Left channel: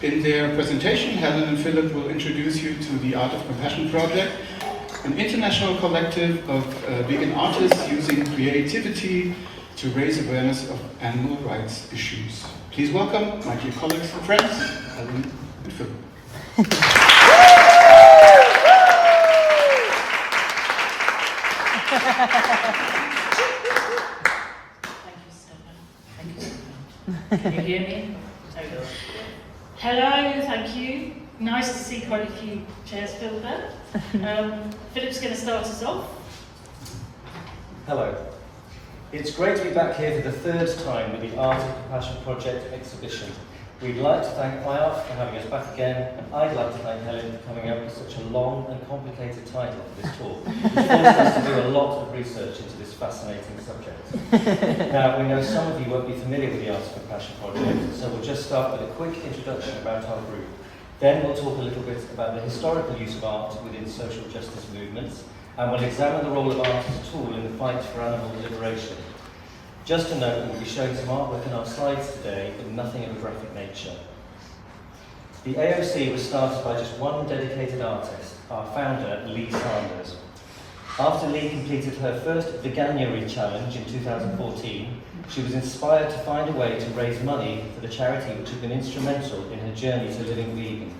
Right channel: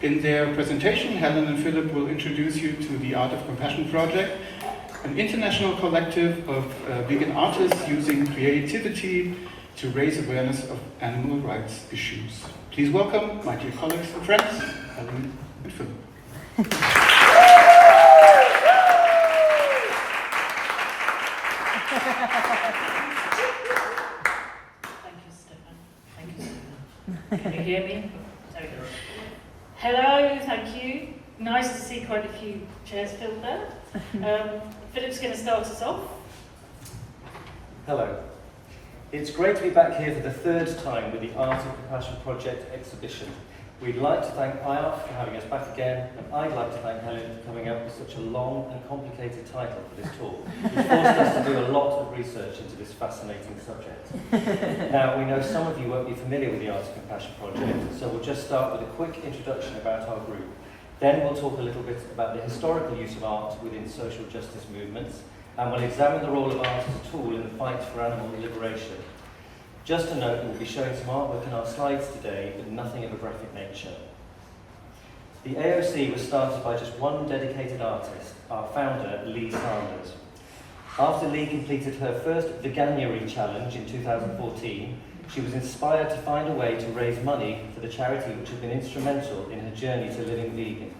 In their presentation, Helen and Philip will introduce you to the Art of Compassion project, an international collective of vegan artists using creativity to raise awareness of animal rights issues. Please welcome my dear colleagues and friends, Helen and Philip. Can you hear me? There we go. Hello, thank you. Nice to see quite a few chairs filled there. Philip's going to start us off. Hello. It's great to be back here for the third time with the Art of Compassion Project exhibition. We'd like to thank IART for having us back again, and I'd like to thank Helen for coming up with such a long and complicated title for this talk, which forced us to do a lot of research into this fascinating subject. Now, we know some of you won't be familiar with the Art of Compassion Project, so we'll just start with a quick introduction about our group. Then we'll talk a little bit about the historical use of art within social justice movements, and we'll examine the role of art as a tool in the fight for animal liberation. Just to note, we'll be showing some artwork in our slides today, but nothing of a graphic nature. The AOC was started by just one dedicated artist, our founder, Lee Sanders. After Lee completed her first Veganuary challenge in 2014, she was inspired to find a way to raise money for the charity which had been instrumental in her journey to living vegan.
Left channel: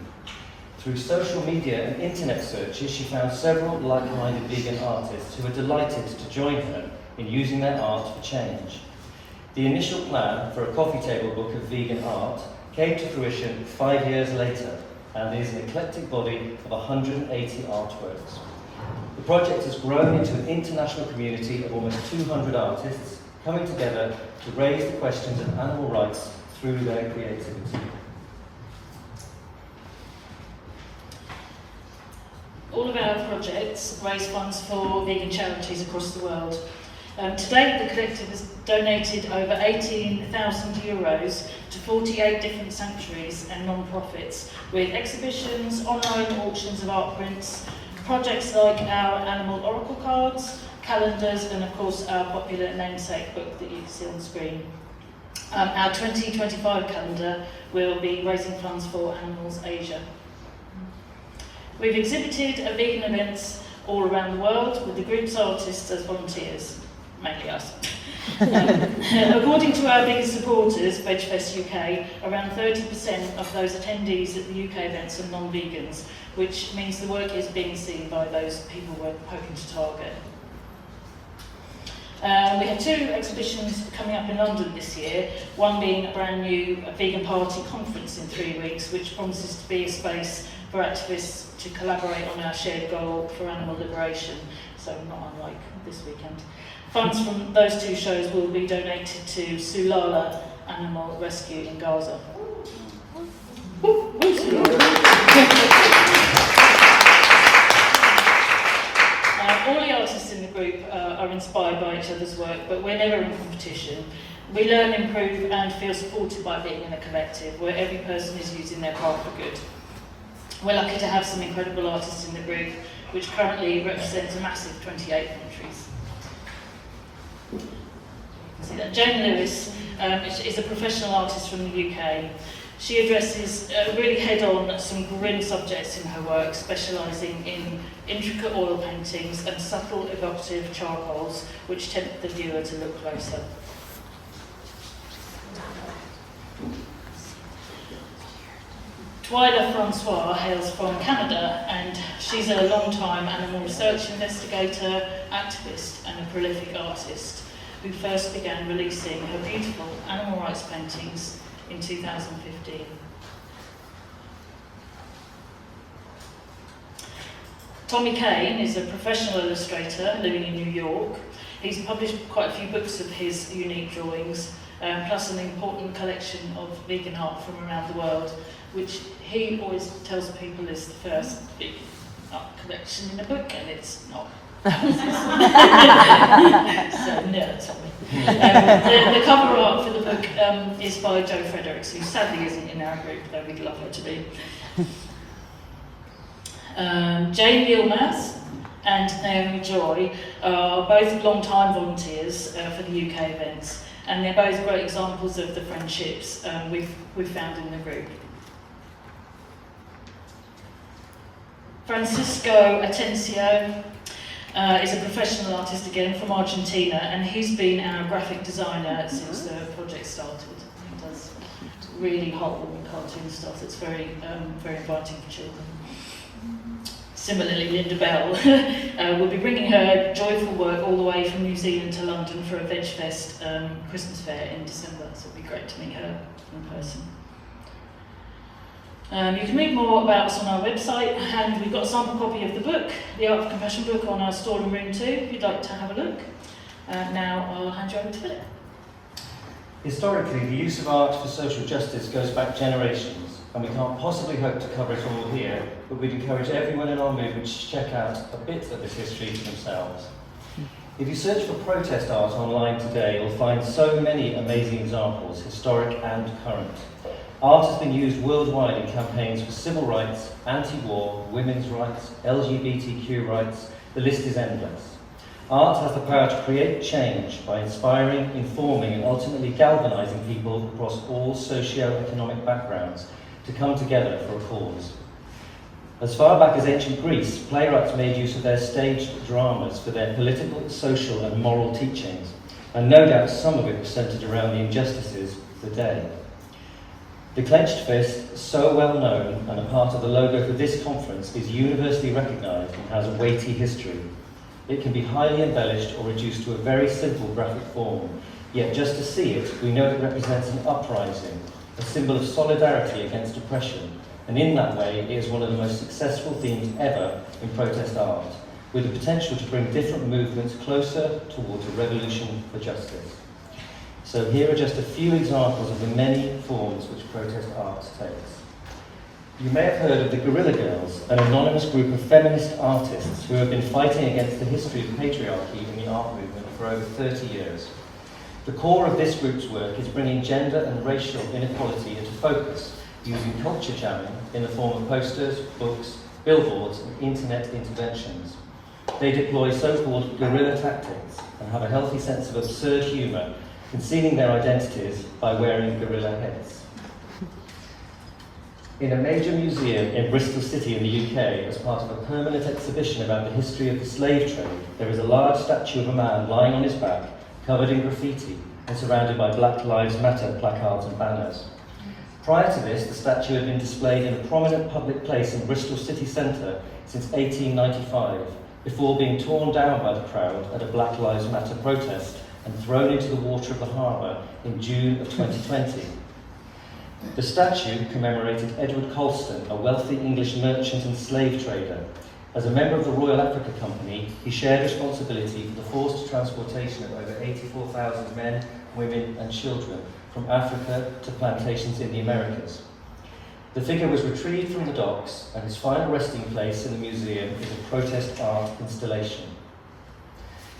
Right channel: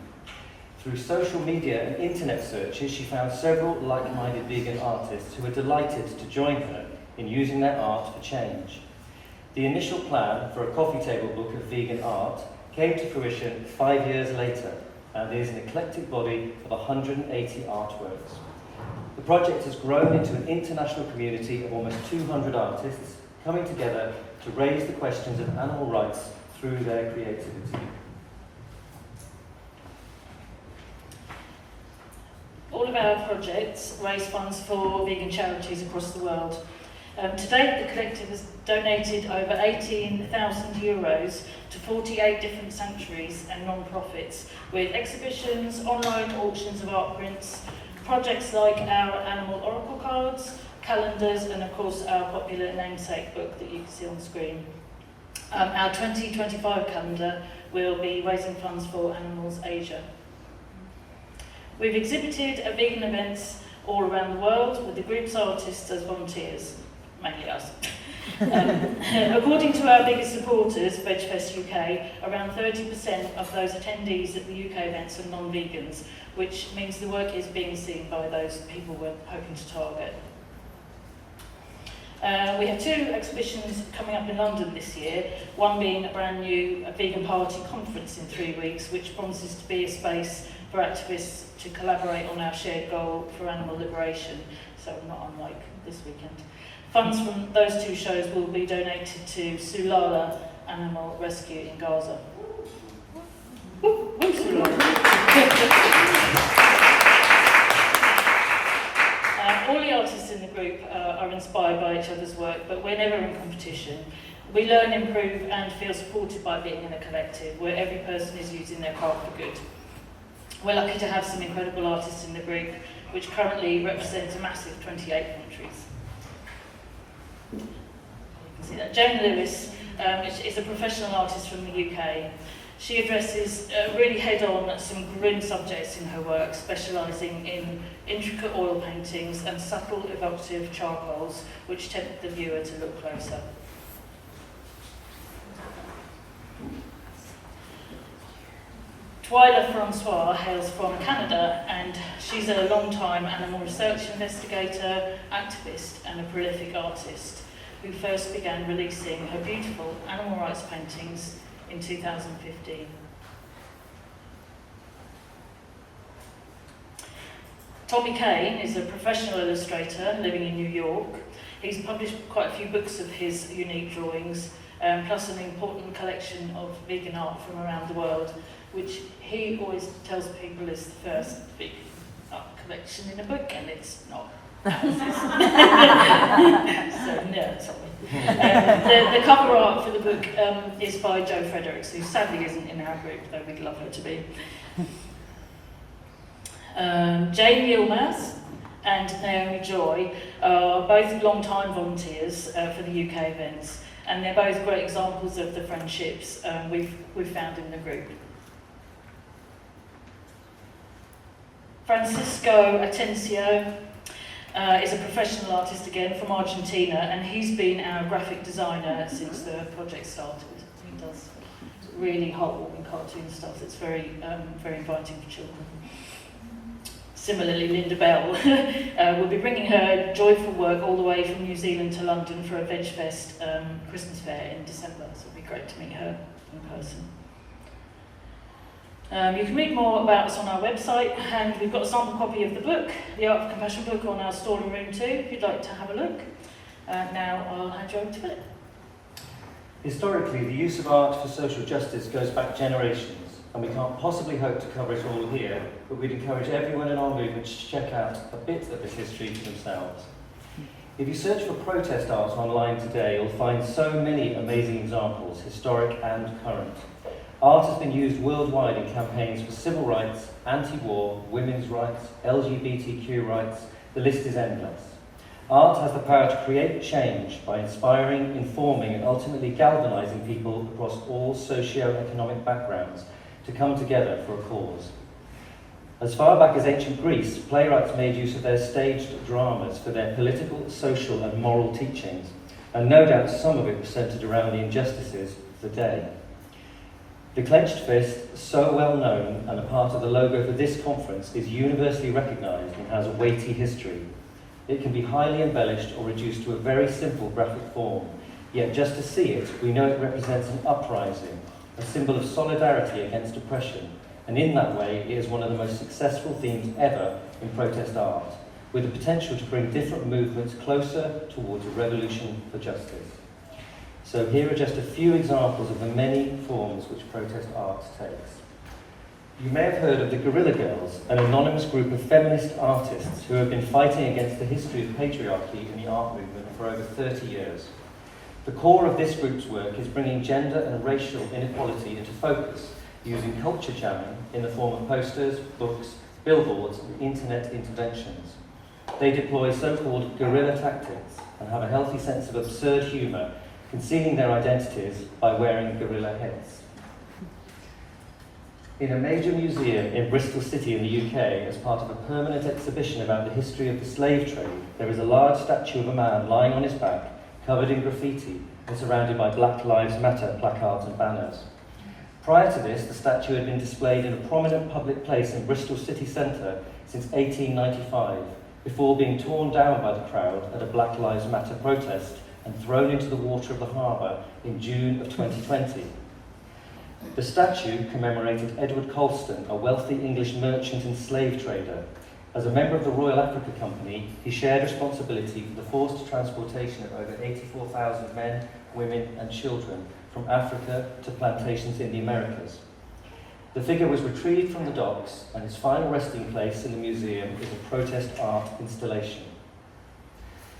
Through social media and internet searches, she found several like-minded vegan artists who were delighted to join her in using their art for change. The initial plan for a coffee table book of vegan art came to fruition 5 years later, and is an eclectic body of 180 artworks. The project has grown into an international community of almost 200 artists coming together to raise the questions of animal rights through their creativity. All of our projects raise funds for vegan charities across the world. To date, the collective has donated over 18,000 euros to 48 different sanctuaries and non-profits, with exhibitions, online auctions of art prints, projects like our animal oracle cards, calendars, and of course our popular namesake book that you can see on the screen. Our 2025 calendar will be raising funds for Animals Asia. We've exhibited at vegan events all around the world with the group's artists as volunteers, mainly us. According to our biggest supporters, VegFest UK, around 30% of those attendees at the UK events are non-vegans, which means the work is being seen by those people we're hoping to target. We have two exhibitions coming up in London this year, one being a brand new vegan party conference in 3 weeks, which promises to be a space for activists to collaborate on our shared goal for animal liberation, so not unlike this weekend. Funds from those two shows will be donated to Sulala Animal Rescue in Gaza. All the artists in the group are inspired by each other's work, but we're never in competition. We learn, improve, and feel supported by being in a collective where every person is using their craft for good. We're lucky to have some incredible artists in the group, which currently represents a massive 28 countries. You can see that. Jane Lewis is a professional artist from the UK. She addresses really head-on some grim subjects in her work, specialising in intricate oil paintings and subtle, evocative charcoals, which tempt the viewer to look closer. Twyla Francois hails from Canada, and she's a long-time animal research investigator, activist, and a prolific artist who first began releasing her beautiful animal rights paintings in 2015. Tommy Kane is a professional illustrator living in New York. He's published quite a few books of his unique drawings, plus an important collection of vegan art from around the world, which he always tells people is the first vegan art collection in a book, and it's not. So, no, Tommy. The cover art for the book is by Jo Fredericks, who sadly isn't in our group, though we'd love her to be. Jane Yilmaz and Naomi Joy are both long-time volunteers for the UK events, and they're both great examples of the friendships we've found in the group. Francisco Atencio is a professional artist again from Argentina, and he's been our graphic designer since the project started. He does really heartwarming cartoon stuff that's very, very inviting for children. Similarly, Linda Bell will be bringing her joyful work all the way from New Zealand to London for a Veg Fest Christmas fair in December, so it'll be great to meet her in person. You can read more about us on our website, and we've got a sample copy of the book, the Art of Compassion book, on our store and room too, if you'd like to have a look. Now I'll hand you over to Philip. Historically, the use of art for social justice goes back generations, and we can't possibly hope to cover it all here, but we'd encourage everyone in our movement to check out a bit of this history for themselves. If you search for protest art online today, you'll find so many amazing examples, historic and current. Art has been used worldwide in campaigns for civil rights, anti-war, women's rights, LGBTQ rights. The list is endless. Art has the power to create change by inspiring, informing, and ultimately galvanising people across all socio-economic backgrounds to come together for a cause. As far back as ancient Greece, playwrights made use of their staged dramas for their political, social, and moral teachings, and no doubt some of it was centred around the injustices of the day. The clenched fist, so well known and a part of the logo for this conference, is universally recognised and has a weighty history. It can be highly embellished or reduced to a very simple graphic form, yet just to see it, we know it represents an uprising, a symbol of solidarity against oppression, and in that way it is one of the most successful themes ever in protest art, with the potential to bring different movements closer towards a revolution for justice. So here are just a few examples of the many forms which protest art takes. You may have heard of the Guerilla Girls, an anonymous group of feminist artists who have been fighting against the history of patriarchy in the art movement for over 30 years. The core of this group's work is bringing gender and racial inequality into focus, using culture jamming in the form of posters, books, billboards, and internet interventions. They deploy so-called guerrilla tactics and have a healthy sense of absurd humour, concealing their identities by wearing gorilla heads. In a major museum in Bristol City in the UK, as part of a permanent exhibition about the history of the slave trade, there is a large statue of a man lying on his back, covered in graffiti, and surrounded by Black Lives Matter placards and banners. Prior to this, the statue had been displayed in a prominent public place in Bristol city centre since 1895, before being torn down by the crowd at a Black Lives Matter protest and thrown into the water of the harbour in June of 2020. The statue commemorated Edward Coulston, a wealthy English merchant and slave trader. As a member of the Royal Africa Company, he shared responsibility for the forced transportation of over 84,000 men, women and children from Africa to plantations in the Americas. The figure was retrieved from the docks, and his final resting place in the museum is a protest art installation.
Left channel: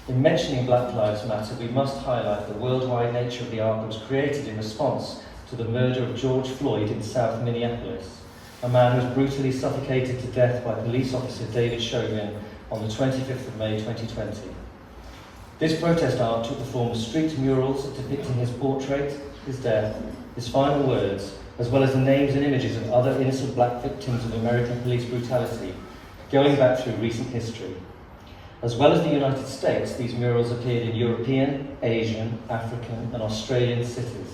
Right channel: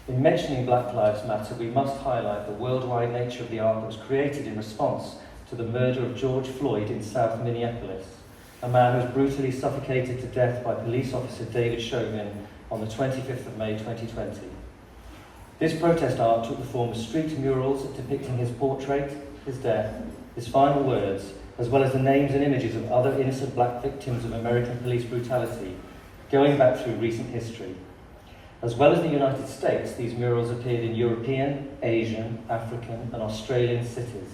In mentioning Black Lives Matter, we must highlight the worldwide nature of the art that was created in response to the murder of George Floyd in South Minneapolis, a man who was brutally suffocated to death by police officer David Chauvin on the 25th of May 2020. This protest art took the form of street murals depicting his portrait, his death, his final words, as well as the names and images of other innocent black victims of American police brutality, going back through recent history. As well as the United States, these murals appeared in European, Asian, African and Australian cities,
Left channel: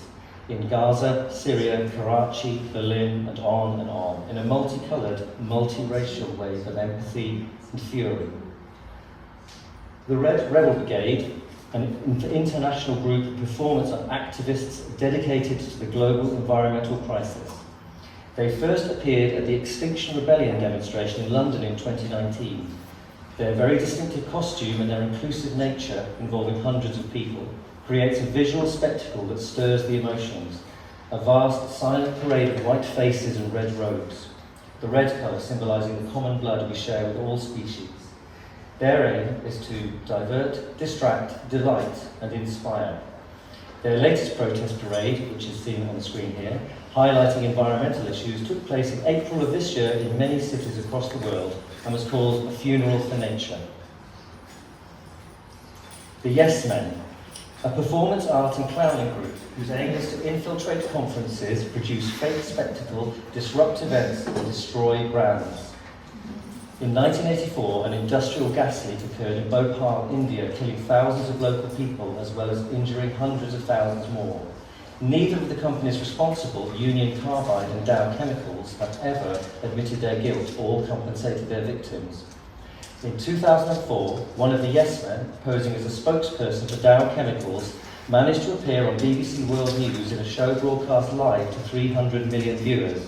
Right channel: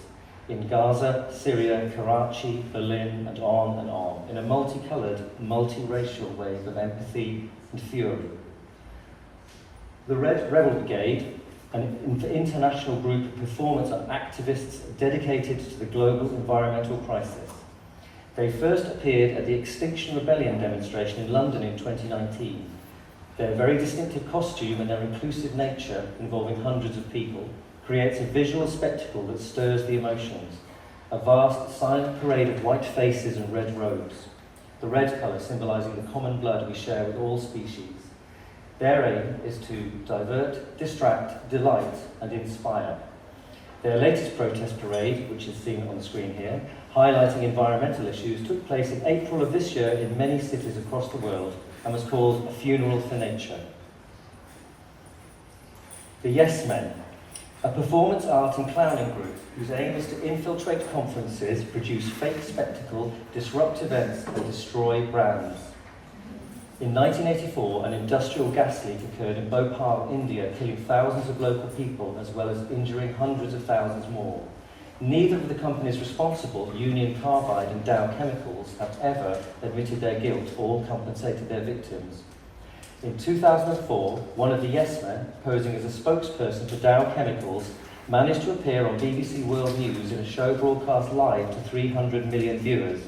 in Gaza, Syria, Karachi, Berlin and on, in a multicoloured, multiracial wave of empathy and fury. The Red Rebel Brigade, an international group of performance and activists dedicated to the global environmental crisis. They first appeared at the Extinction Rebellion demonstration in London in 2019. Their very distinctive costume and their inclusive nature, involving hundreds of people, creates a visual spectacle that stirs the emotions, a vast silent parade of white faces and red robes, the red colour symbolising the common blood we share with all species. Their aim is to divert, distract, delight and inspire. Their latest protest parade, which is seen on the screen here, highlighting environmental issues, took place in April of this year in many cities across the world and was called A Funeral for Nature. The Yes Men, a performance art and clowning group whose aim is to infiltrate conferences, produce fake spectacle, disrupt events and destroy brands. In 1984, an industrial gas leak occurred in Bhopal, India, killing thousands of local people as well as injuring hundreds of thousands more. Neither of the companies responsible, Union Carbide and Dow Chemicals, have ever admitted their guilt or compensated their victims. In 2004, one of the Yes Men, posing as a spokesperson for Dow Chemicals, managed to appear on BBC World News in a show broadcast live to 300 million viewers,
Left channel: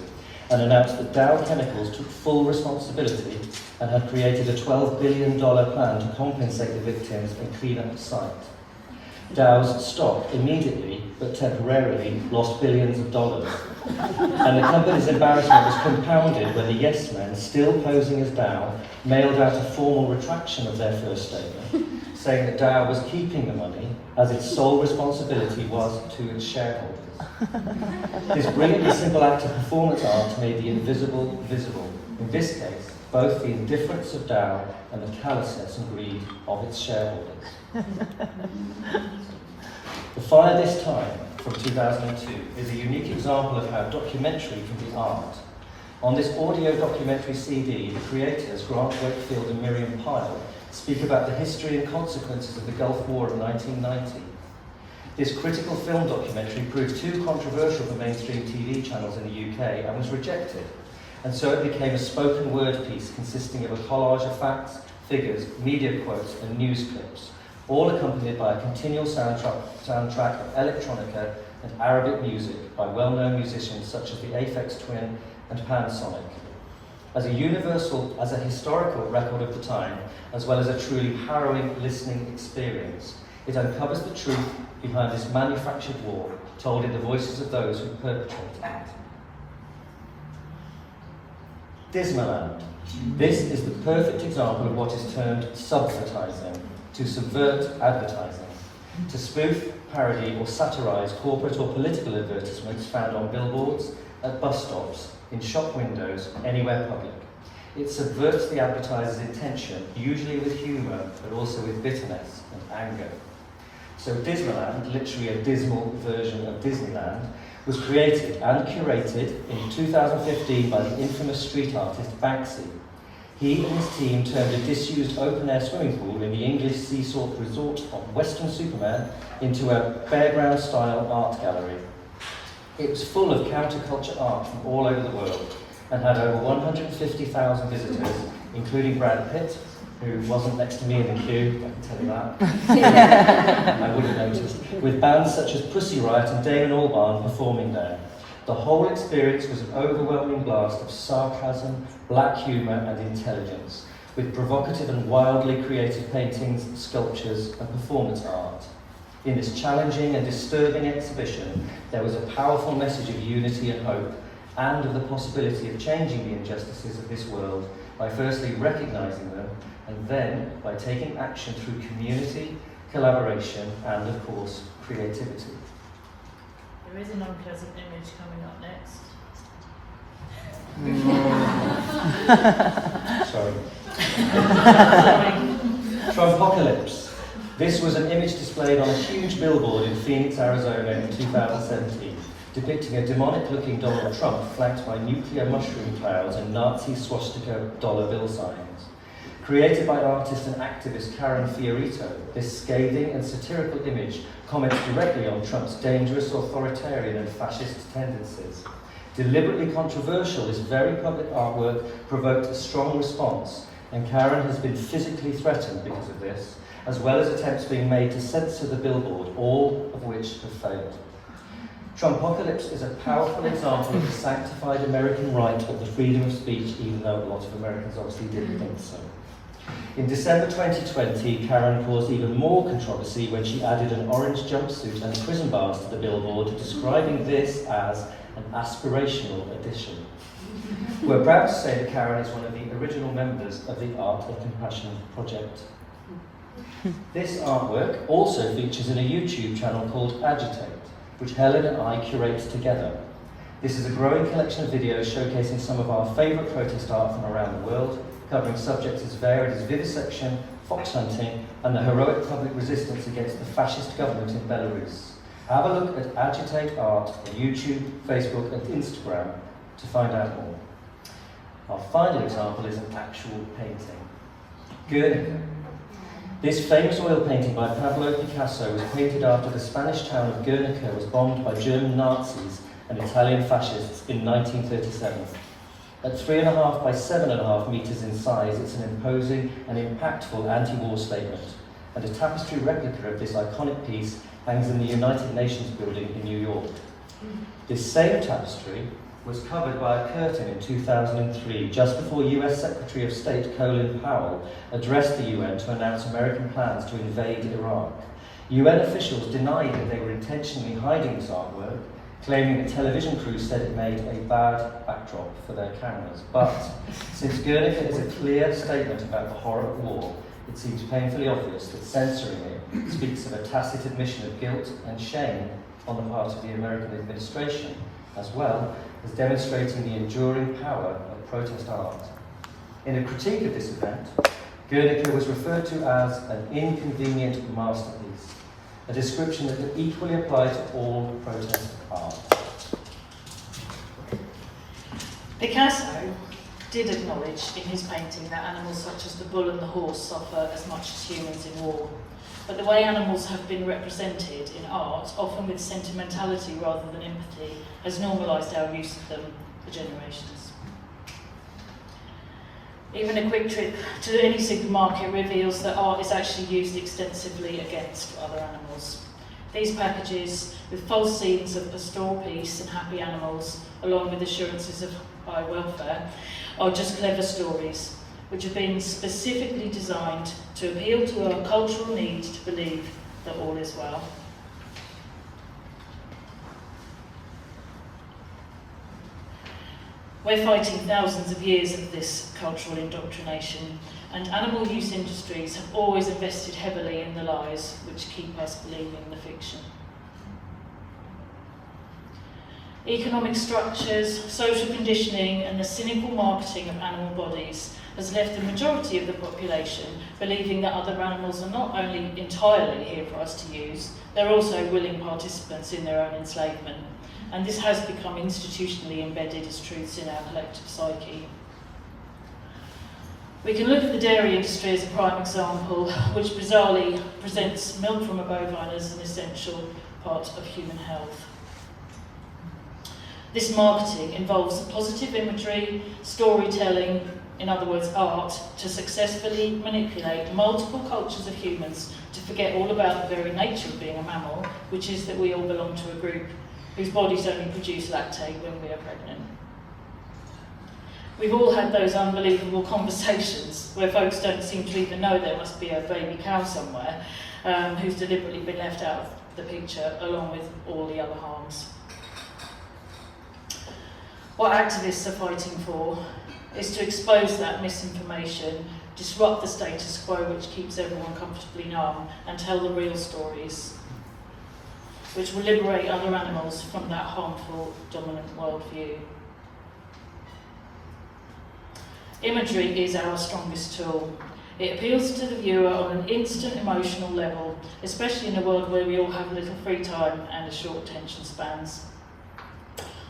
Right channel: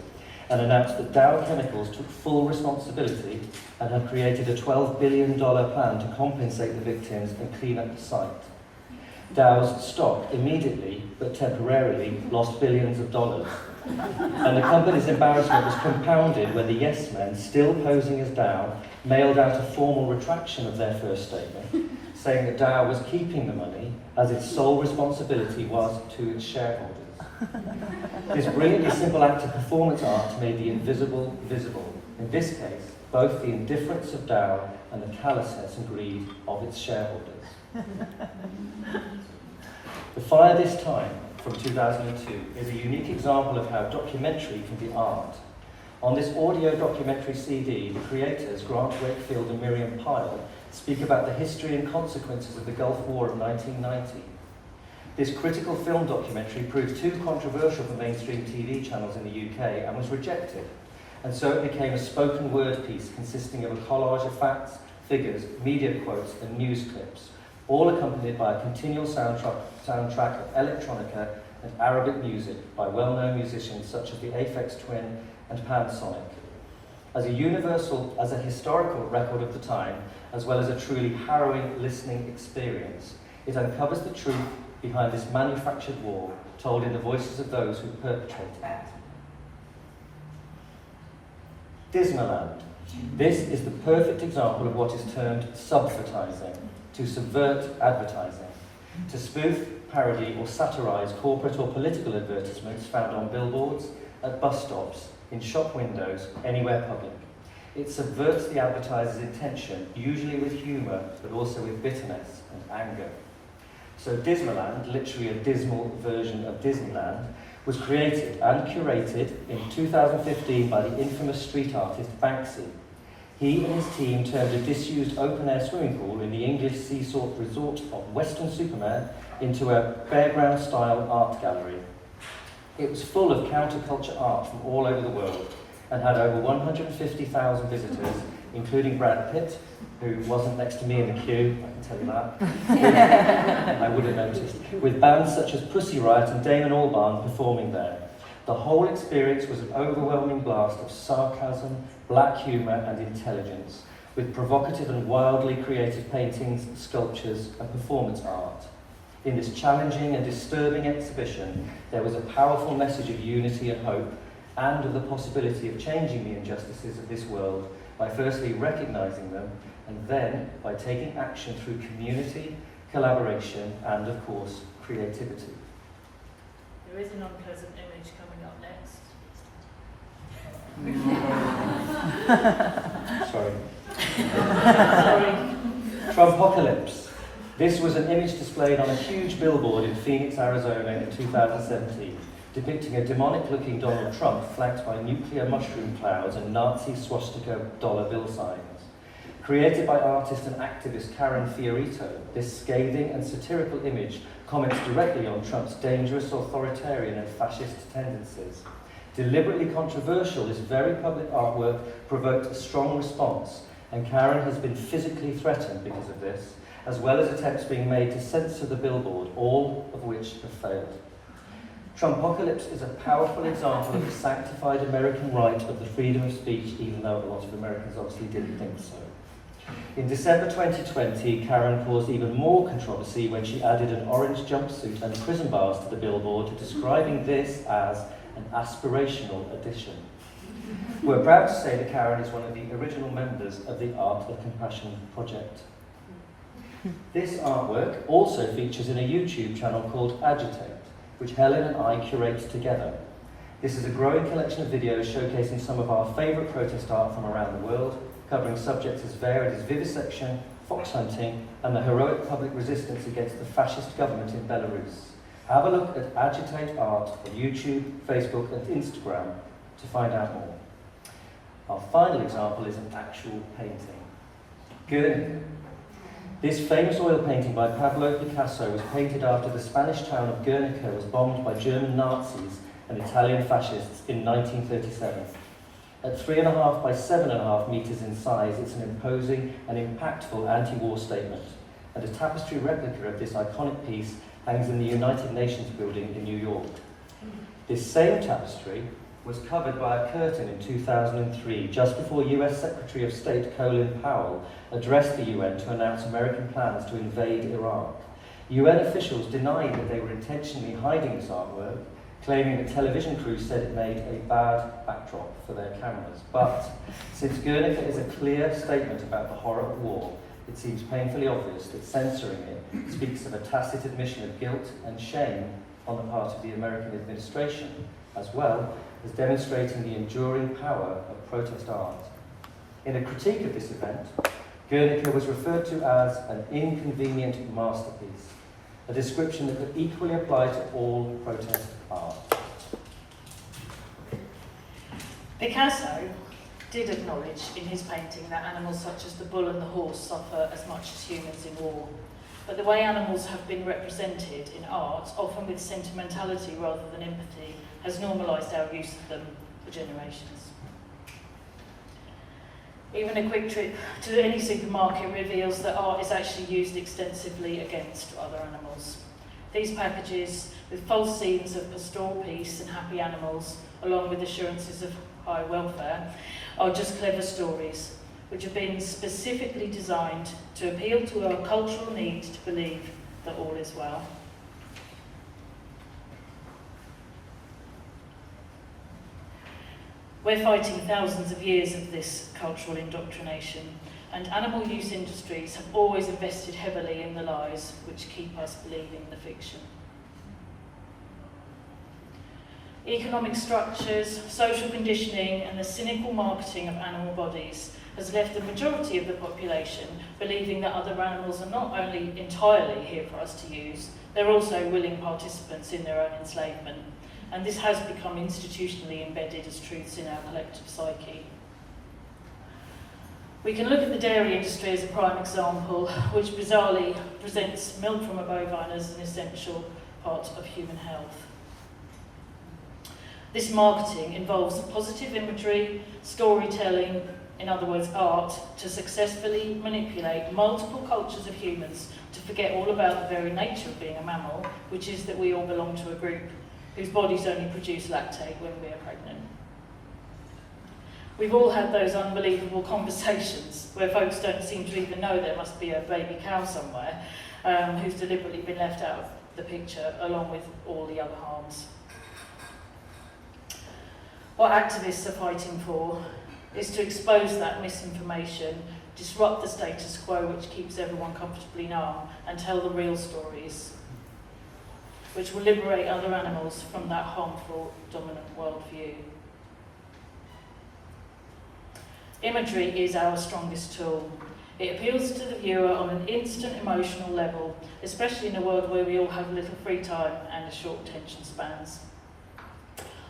and announced that Dow Chemicals took full responsibility and had created a $12 billion plan to compensate the victims and clean up the site. Dow's stock immediately, but temporarily, lost billions of dollars. And the company's embarrassment was compounded when the Yes Men, still posing as Dow, mailed out a formal retraction of their first statement, saying that Dow was keeping the money as its sole responsibility was to its shareholders. This brilliantly simple act of performance art made the invisible visible. In this case, both the indifference of Dow and the callousness and greed of its shareholders. The Fire This Time, from 2002, is a unique example of how documentary can be art. On this audio documentary CD, the creators, Grant Wakefield and Miriam Pyle, speak about the history and consequences of the Gulf War of 1990. This critical film documentary proved too controversial for mainstream TV channels in the UK and was rejected, and so it became a spoken word piece consisting of a collage of facts, figures, media quotes and news clips, all accompanied by a continual soundtrack of electronica and Arabic music by well-known musicians such as the Aphex Twin and Pansonic. As a historical record of the time, as well as a truly harrowing listening experience, it uncovers the truth behind this manufactured war, told in the voices of those who perpetrated it. Dismaland. This is the perfect example of what is termed subvertising, to subvert advertising, to spoof, parody or satirise corporate or political advertisements found on billboards, at bus stops, in shop windows, anywhere public. It subverts the advertiser's intention, usually with humour, but also with bitterness and anger. So Dismaland, literally a dismal version of Disneyland, was created and curated in 2015 by the infamous street artist Banksy. He and his team turned a disused open-air swimming pool in the English seaside resort of Weston-super-Mare into a fairground-style art gallery. It was full of counterculture art from all over the world and had over 150,000 visitors, including Brad Pitt, who wasn't next to me in the queue, I can tell you that. I would have noticed, with bands such as Pussy Riot and Damon Albarn performing there. The whole experience was an overwhelming blast of sarcasm, black humour and intelligence, with provocative and wildly creative paintings, sculptures and performance art. In this challenging and disturbing exhibition, there was a powerful message of unity and hope, and of the possibility of changing the injustices of this world by firstly recognising them, and then by taking action through community, collaboration, and of course, creativity. There is an unpleasant image coming up next. Sorry. Trumpocalypse. This was an image displayed on a huge billboard in Phoenix, Arizona in 2017, depicting a demonic-looking Donald Trump flanked by nuclear mushroom clouds and Nazi swastika dollar bill signs. Created by artist and activist Karen Fiorito, this scathing and satirical image comments directly on Trump's dangerous authoritarian and fascist tendencies. Deliberately controversial, this very public artwork provoked a strong response, and Karen has been physically threatened because of this, as well as attempts being made to censor the billboard, all of which have failed. Trumpocalypse is a powerful example of the sanctified American right of the freedom of speech, even though a lot of Americans obviously didn't think so. In December 2020, Karen caused even more controversy when she added an orange jumpsuit and prison bars to the billboard, describing this as an aspirational addition. We're proud to say that Karen is one of the original members of the Art of Compassion project. This artwork also features in a YouTube channel called Agitated, which Helen and I curate together. This is a growing collection of videos showcasing some of our favourite protest art from around the world, covering subjects as varied as vivisection, fox hunting, and the heroic public resistance against the fascist government in Belarus. Have a look at Agitate Art on YouTube, Facebook and Instagram to find out more. Our final example is an actual painting. Guernica. This famous oil painting by Pablo Picasso was painted after the Spanish town of Guernica was bombed by German Nazis and Italian fascists in 1937. At 3.5 by 7.5 metres in size, it's an imposing and impactful anti-war statement, and a tapestry replica of this iconic piece hangs in the United Nations building in New York. This same tapestry was covered by a curtain in 2003, just before US Secretary of State Colin Powell addressed the UN to announce American plans to invade Iraq. UN officials denied that they were intentionally hiding this artwork, claiming that television crews said it made a bad backdrop for their cameras. But since Guernica is a clear statement about the horror of war, it seems painfully obvious that censoring it speaks of a tacit admission of guilt and shame on the part of the American administration, as well as demonstrating the enduring power of protest art. In a critique of this event, Guernica was referred to as an inconvenient masterpiece, a description that could equally apply to all protest art. Picasso did acknowledge in his painting that animals such as the bull and the horse suffer as much as humans in war. But the way animals have been represented in art, often with sentimentality rather than empathy, has normalised our use of them for generations. Even a quick trip to any supermarket reveals that art is actually used extensively against other animals. These packages, with false scenes of pastoral peace and happy animals, along with assurances of high welfare, are just clever stories, which have been specifically designed to appeal to our cultural need to believe that all is well. We're fighting thousands of years of this cultural indoctrination, and animal use industries have always invested heavily in the lies which keep us believing the fiction. Economic structures, social conditioning, and the cynical marketing of animal bodies has left the majority of the population believing that other animals are not only entirely here for us to use, they're also willing participants in their own enslavement. And this has become institutionally embedded as truths in our collective psyche. We can look at the dairy industry as a prime example, which bizarrely presents milk from a bovine as an essential part of human health. This marketing involves positive imagery, storytelling, in other words, art, to successfully manipulate multiple cultures of humans to forget all about the very nature of being a mammal, which is that we all belong to a group whose bodies only produce lactate when we are pregnant. We've all had those unbelievable conversations where folks don't seem to even know there must be a baby cow somewhere who's deliberately been left out of the picture, along with all the other harms. What activists are fighting for is to expose that misinformation, disrupt the status quo which keeps everyone comfortably numb, and tell the real stories, which will liberate other animals from that harmful, dominant worldview. Imagery is our strongest tool. It appeals to the viewer on an instant emotional level, especially in a world where we all have little free time and short attention spans.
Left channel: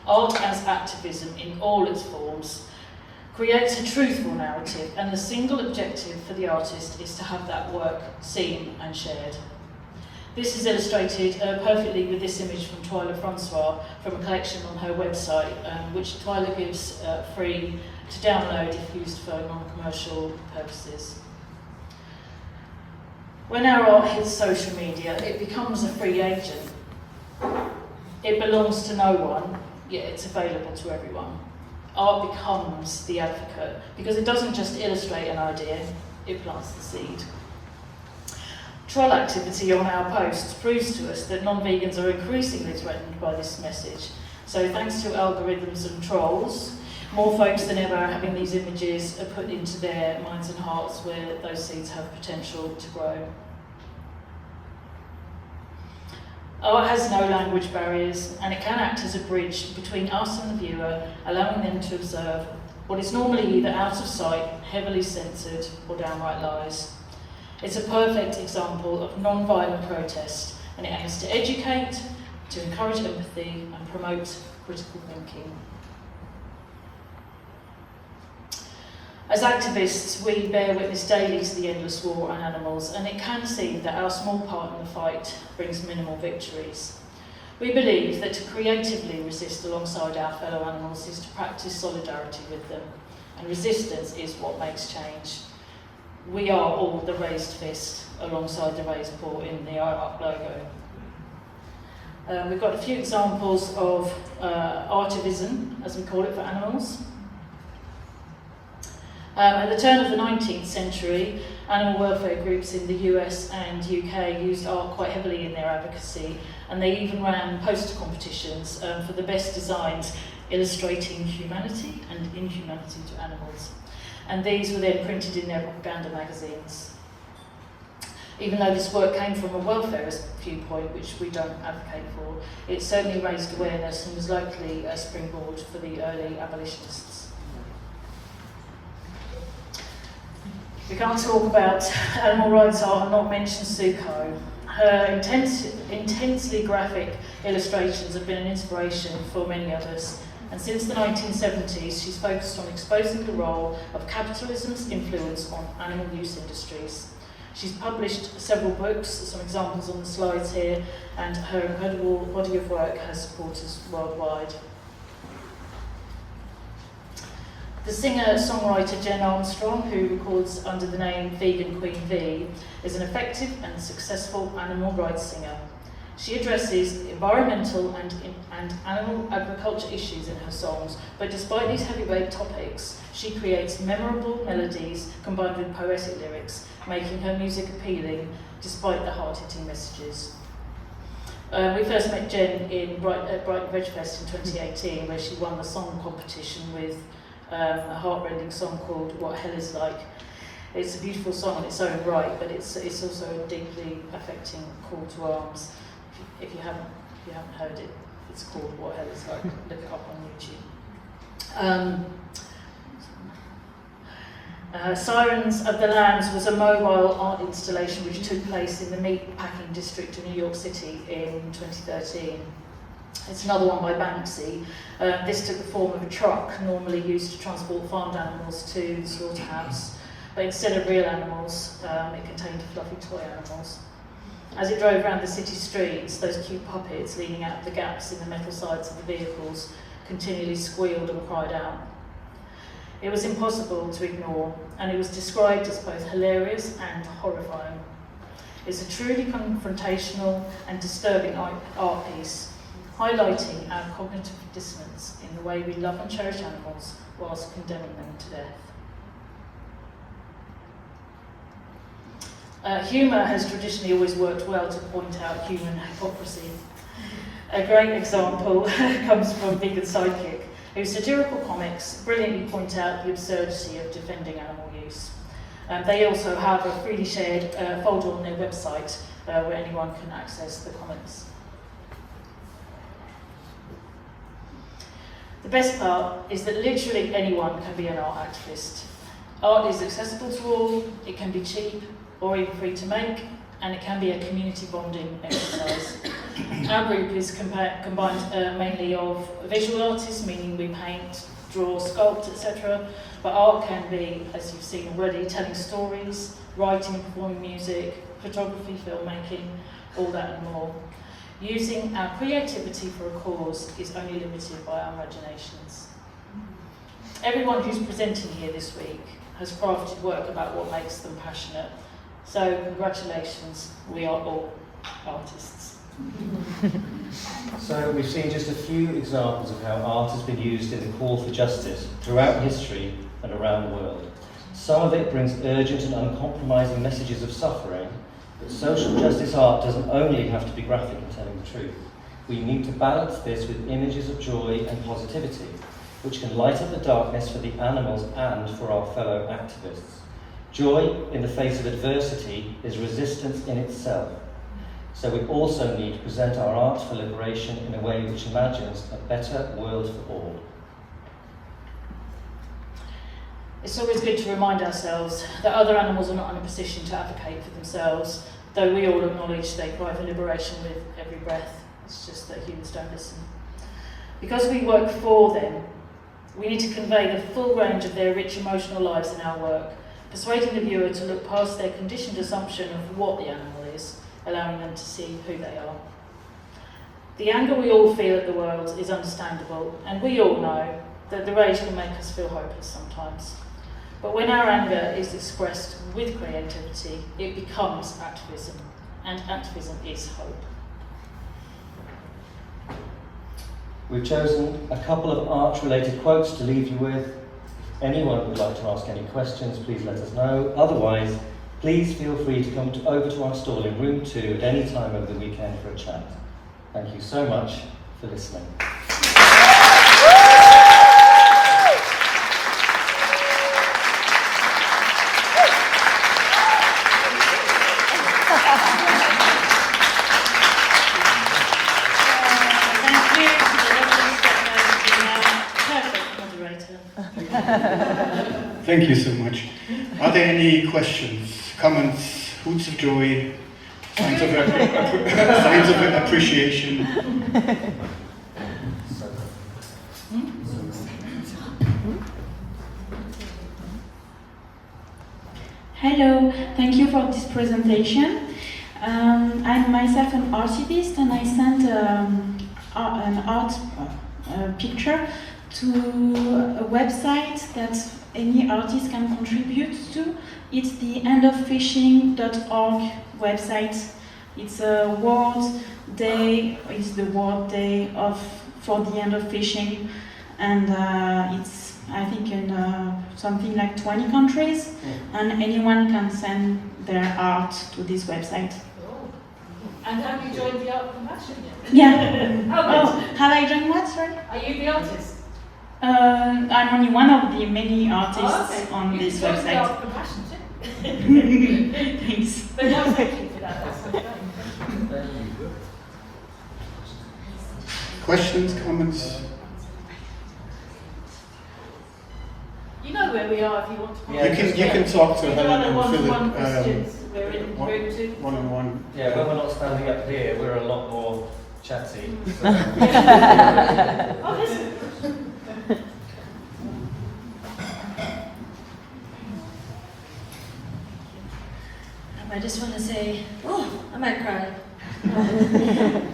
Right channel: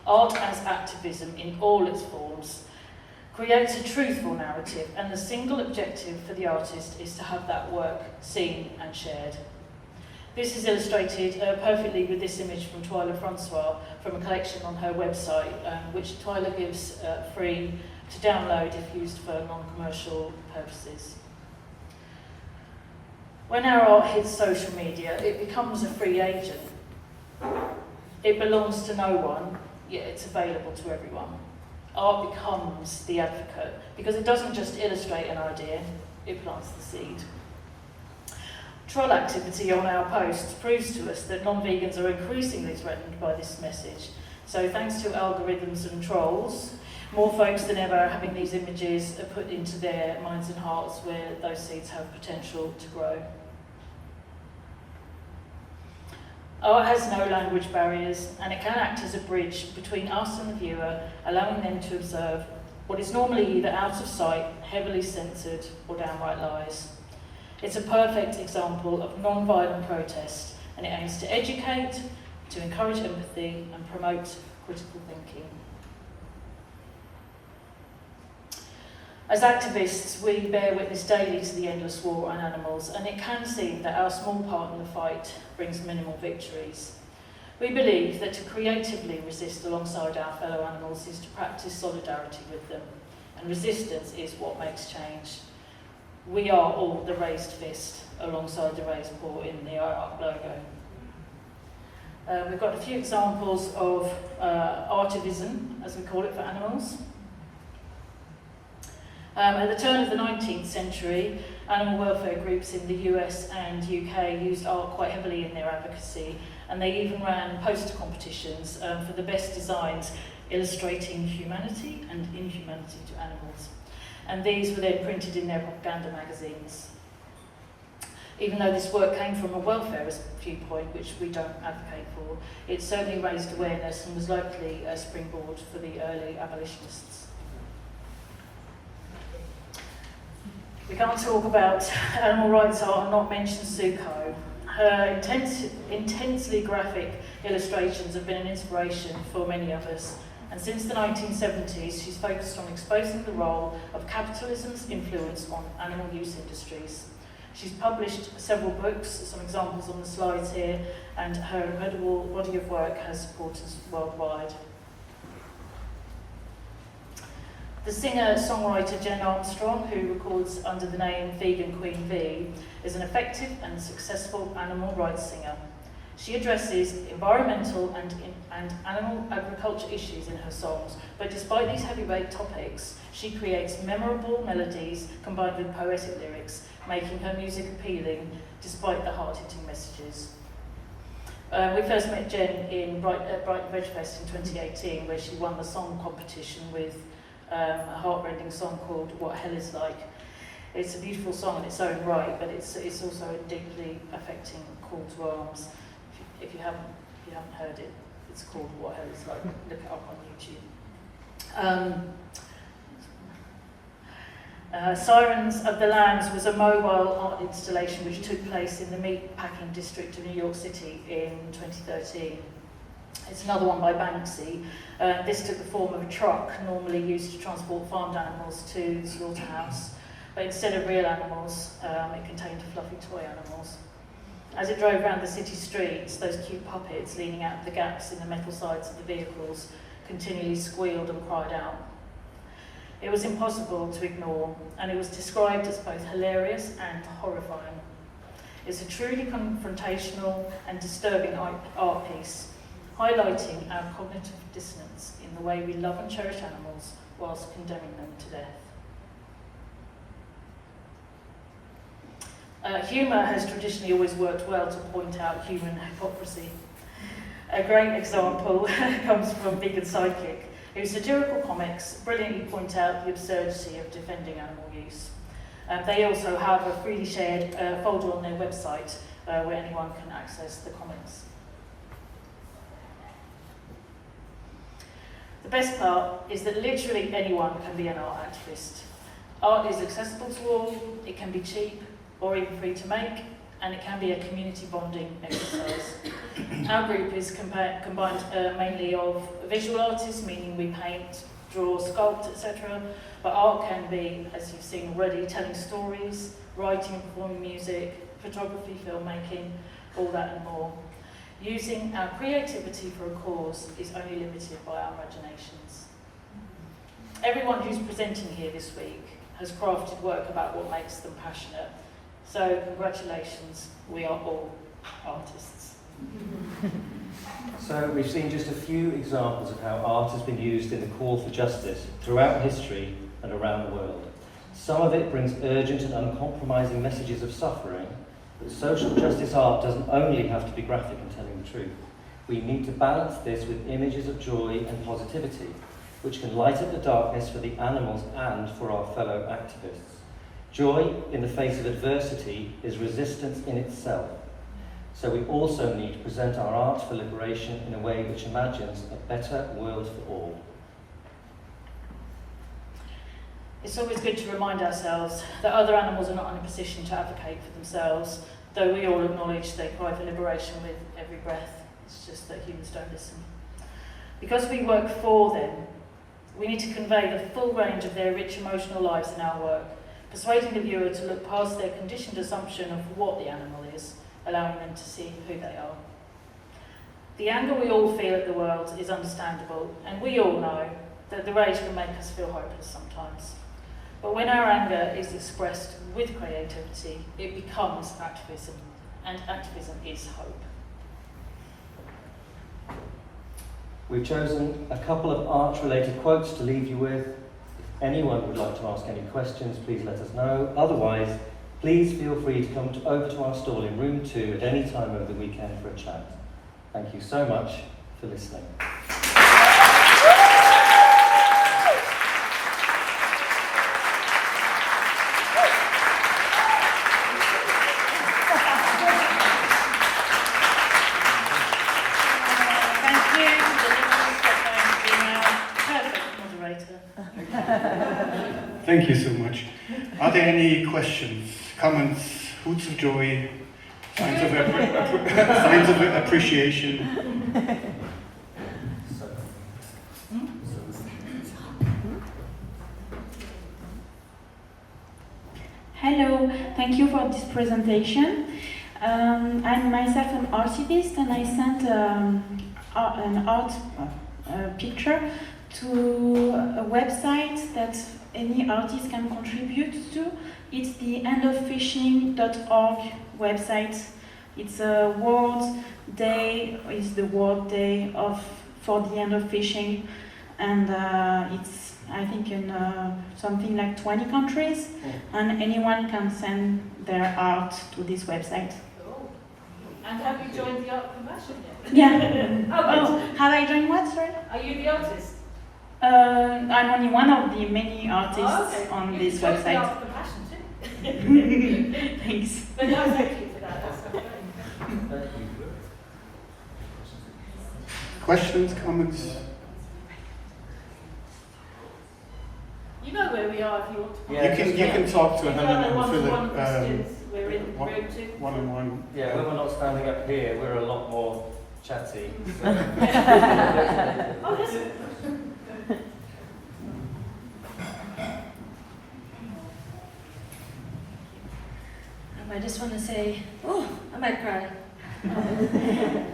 Art as activism in all its forms creates a truthful narrative, and the single objective for the artist is to have that work seen and shared. This is illustrated perfectly with this image from Twyla Francois from a collection on her website, which Twyla gives free to download if used for non-commercial purposes. When our art hits social media, it becomes a free agent. It belongs to no one, yet it's available to everyone. Art becomes the advocate because it doesn't just illustrate an idea, it plants the seed. Troll activity on our posts proves to us that non-vegans are increasingly threatened by this message. So thanks to algorithms and trolls, more folks than ever are having these images put into their minds and hearts where those seeds have potential to grow. Art has no language barriers, and it can act as a bridge between us and the viewer, allowing them to observe what is normally either out of sight, heavily censored, or downright lies. It's a perfect example of non-violent protest, and it aims to educate, to encourage empathy, and promote critical thinking. As activists, we bear witness daily to the endless war on animals, and it can seem that our small part in the fight brings minimal victories. We believe that to creatively resist alongside our fellow animals is to practice solidarity with them, and resistance is what makes change. We are all the raised fist alongside the raised paw in the up logo. We've got a few examples of activism, as we call it, for animals. At the turn of the 19th century, animal welfare groups in the US and UK used art quite heavily in their advocacy, and they even ran poster competitions for the best designs illustrating humanity and inhumanity to animals. And these were then printed in their propaganda magazines. Even though this work came from a welfarist viewpoint, which we don't advocate for, it certainly raised awareness and was likely a springboard for the early abolitionists. We can't talk about animal rights art and not mention Suko. Her intensely graphic illustrations have been an inspiration for many of us, and since the 1970s she's focused on exposing the role of capitalism's influence on animal use industries. She's published several books, some examples on the slides here, and her incredible body of work has supporters worldwide. The singer-songwriter Jen Armstrong, who records under the name Vegan Queen V, is an effective and successful animal rights singer. She addresses environmental and animal agriculture issues in her songs, but despite these heavyweight topics, she creates memorable melodies combined with poetic lyrics, making her music appealing despite the hard-hitting messages. We first met Jen at Brighton Veg Fest in 2018, where she won the song competition with a heart-rending song called What Hell Is Like. It's a beautiful song in its own right, but it's also a deeply affecting call to arms. If you haven't heard it, it's called What Hell Is Like. Look it up on YouTube. Sirens of the Lambs was a mobile art installation which took place in the meat packing district of New York City in 2013. It's another one by Banksy. This took the form of a truck normally used to transport farmed animals to the slaughterhouse, but instead of real animals, it contained fluffy toy animals. As it drove around the city streets, those cute puppets leaning out of the gaps in the metal sides of the vehicles continually squealed and cried out. It was impossible to ignore, and it was described as both hilarious and horrifying. It's a truly confrontational and disturbing art piece, highlighting our cognitive dissonance in the way we love and cherish animals whilst condemning them to death. Humour has traditionally always worked well to point out human hypocrisy. A great example comes from Vegan Sidekick, whose satirical comics brilliantly point out the absurdity of defending animal use. They also have a freely shared folder on their website where anyone can access the comics. The best part is that literally anyone can be an art activist. Art is accessible to all, it can be cheap or even free to make, and it can be a community bonding exercise. Our group is combined mainly of visual artists, meaning we paint, draw, sculpt, etc. But art can be, as you've seen already, telling stories, writing and performing music, photography, filmmaking, all that and more. Using our creativity for a cause is only limited by our imaginations. Everyone who's presenting here this week has crafted work about what makes them passionate. So congratulations, we are all artists. So we've seen just a few examples of how art has been used in the call for justice throughout history and around the world. Some of it brings urgent and uncompromising messages of suffering, but social justice art doesn't only have to be graphic and telling the truth. We need to balance this with images of joy and positivity, which can light up the darkness for the animals and for our fellow activists. Joy in the face of adversity is resistance in itself. So we also need to present our art for liberation in a way which imagines a better world for all. It's always good to remind ourselves that other animals are not in a position to advocate for themselves, though we all acknowledge they cry for liberation with every breath. It's just that humans don't listen. Because we work for them, We need to convey the full range of their rich emotional lives in our work, persuading the viewer to look past their conditioned assumption of what the animal is, allowing them to see who they are. The anger we all feel at the world is understandable, and we all know that the rage can make us feel hopeless sometimes. But when our anger is expressed with creativity, it becomes activism, and activism is hope. We've chosen a couple of art-related quotes to leave you with. If anyone would like to ask any questions, please let us know. Otherwise, please feel free to come over to our stall in room 2 at any time over the weekend for a chat. Thank you so much for listening. Thank you so much. Are there any questions, comments, hoots of joy, signs of appreciation? Hello, thank you for this presentation. I'm myself an archivist, and I sent an art picture to a website that any artist can contribute to. It's the endofishing.org website. It's a world day, it's the World Day for the end of fishing, and it's, I think, in something like 20 countries, and anyone can send their art to this website. Oh. And have you joined the Art Compassion yet? Yeah. Oh, Have I joined what, sorry? are you the artist? I'm only one of the many artists on You this can join the website. Art Compassion too. Thanks. But no, thank you for that. That's great. Questions, comments? You know where we are if you want to. Yeah, You can talk to If you Helen have and one-to-one Philip questions, we're in one- room 2. one-on-one. Yeah, when we're not standing up here, we're a lot more chatty. So. Oh, listen. I just want to say, oh, I might cry.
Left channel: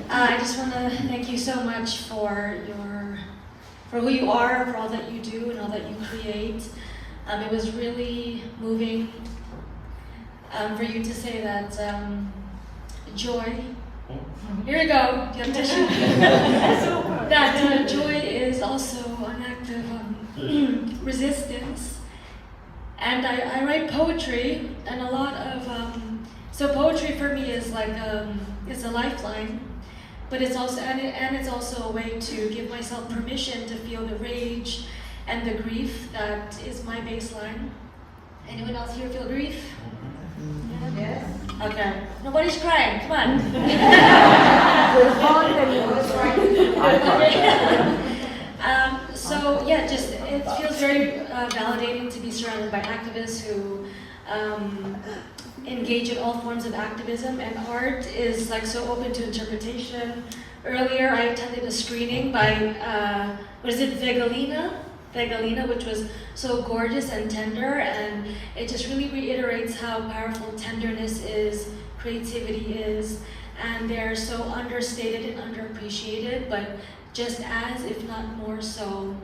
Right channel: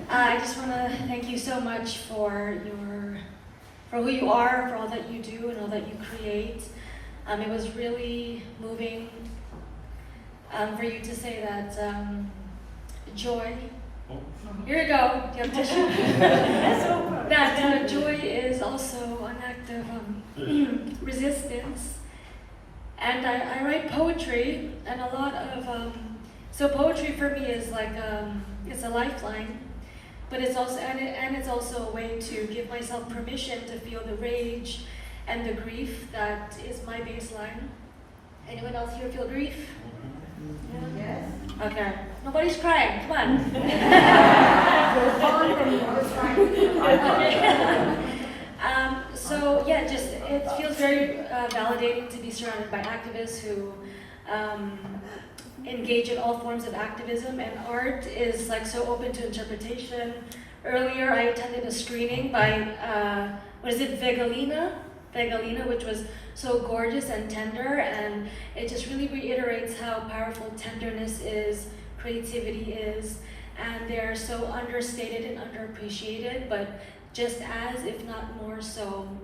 I just want to thank you so much for who you are, for all that you do and all that you create. It was really moving for you to say that joy. Here we go. You have tissue. That joy is also an act of resistance. And I write poetry, and a lot of so poetry for me is like it's a lifeline, but it's also it's also a way to give myself permission to feel the rage and the grief that is my baseline. Anyone else here feel grief? Yes. Okay. Nobody's crying. Come on. So yeah, just it feels very validating to be surrounded by activists who engage in all forms of activism, and art is like so open to interpretation. Earlier, I attended a screening by Vegalina, which was so gorgeous and tender, and it just really reiterates how powerful tenderness is, creativity is, and they are so understated and underappreciated, but just as, if not more so,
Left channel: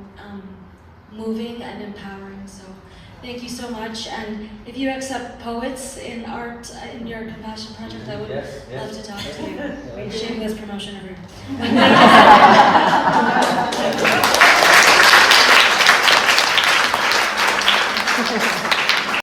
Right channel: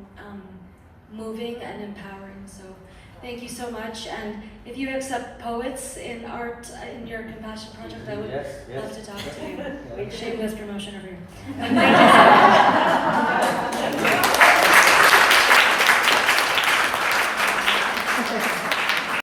moving and empowering. So thank you so much, and if you accept poets in art in your Compassion Project, I would love to talk to you. Shameless promotion everywhere. Thank you.